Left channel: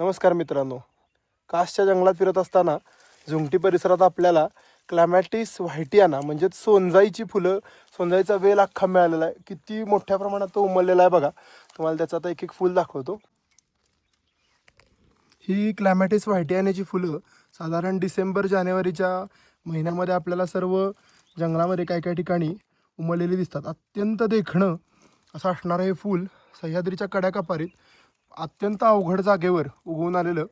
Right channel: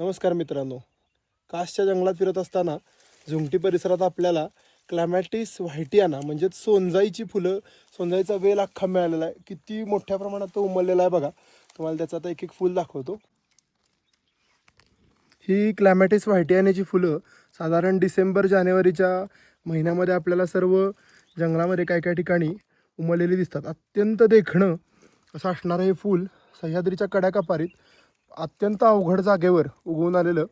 नमस्कार मित्रांनो. कासच्या जंगलात फिरत असताना झुमटी परिसरात आपल्याला क्लॅमॅटिस व्हायटियाना म्हणजेच सोनजाईची फुलं, सोनजाईचा वेल अख्खा मिळालेला आहे. किती मोठ्या प्रमाणात तो उमललेला आहे बघा. तुम्हाला त्याचं आता एक एक फुल दाखवतो. ही क्लॅमॅटिस व्हायटियानाची फुलं साधारण डिसेंबर जानेवारीच्या महिन्यामध्ये आपल्याला सर्व जंगलामध्ये काय काय ठिकाणी उमललेली दिसतात. अत्यंत देखणं असं असणारं हे फूल सह्याद्रीच्या कड्याकपारीत अत्यंत अवघड जागेवर उगवून आलेलं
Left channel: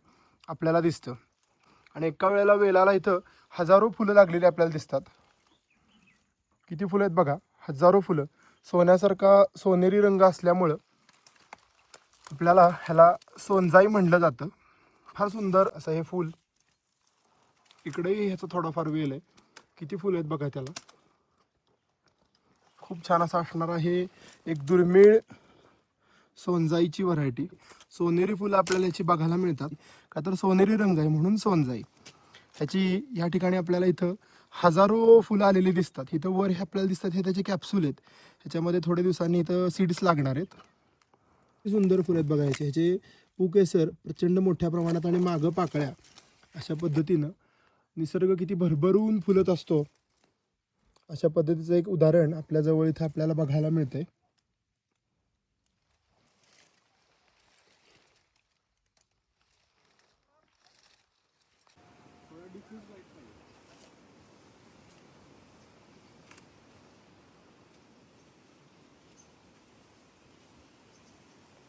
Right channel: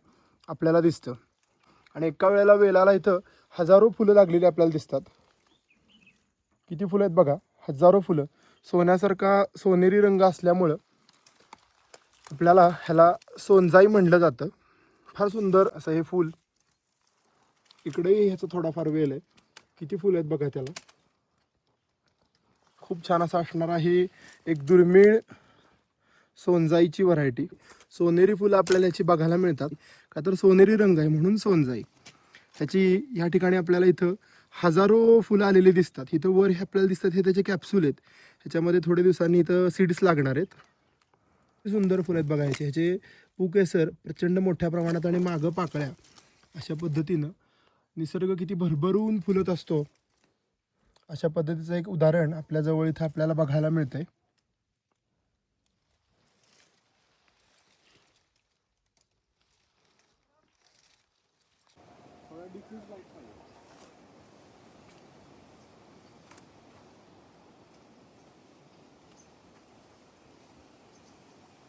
आपल्याला दिसतं. आणि एका वेळेला वेलाला इथं हजारो फुलं लागलेली आपल्याला दिसतात. किती फुलं आहेत बघा, हजारो फुलं. सोन्यासारखा सोनेरी रंग असल्यामुळं आपल्याला ह्याला सोनजाई म्हणलं जातं. फार सुंदर असं हे फूल. इकडेही ह्याचा थोडाफार वेल आहे. किती फुलं आहेत बघा त्याला. खूप छान असं असणार आहे. एक दुर्मिळ सोनजाईची व्हरायटी. सोनेरी फुलं आपल्याला याची बघायला मिळतात का तर सोनेरी रंग आहे म्हणून सोनजाई. ह्याची या ठिकाणी आपल्याला इथं हजारो फुलं आलेली दिसतात. इथं वर हे आपल्याला दिसतात हे त्याचे कॅप्सूल आहेत. ह्याच्यामध्ये थोड्या दिवसांनी इथं सीड्स लागणार आहेत. सुंदर फुलं आहेत बघायचे. ह्याचे पूकेसर प्रचंड मोठ्या प्रमाणात आणि मागं पाकळ्या अशा पद्धतीनं निसर्ग किती भरभरून फुलत असतो अशा पद्धतीचं एक उदाहरण आपल्या जवळ इथं आपल्याला बघायला मिळतंय.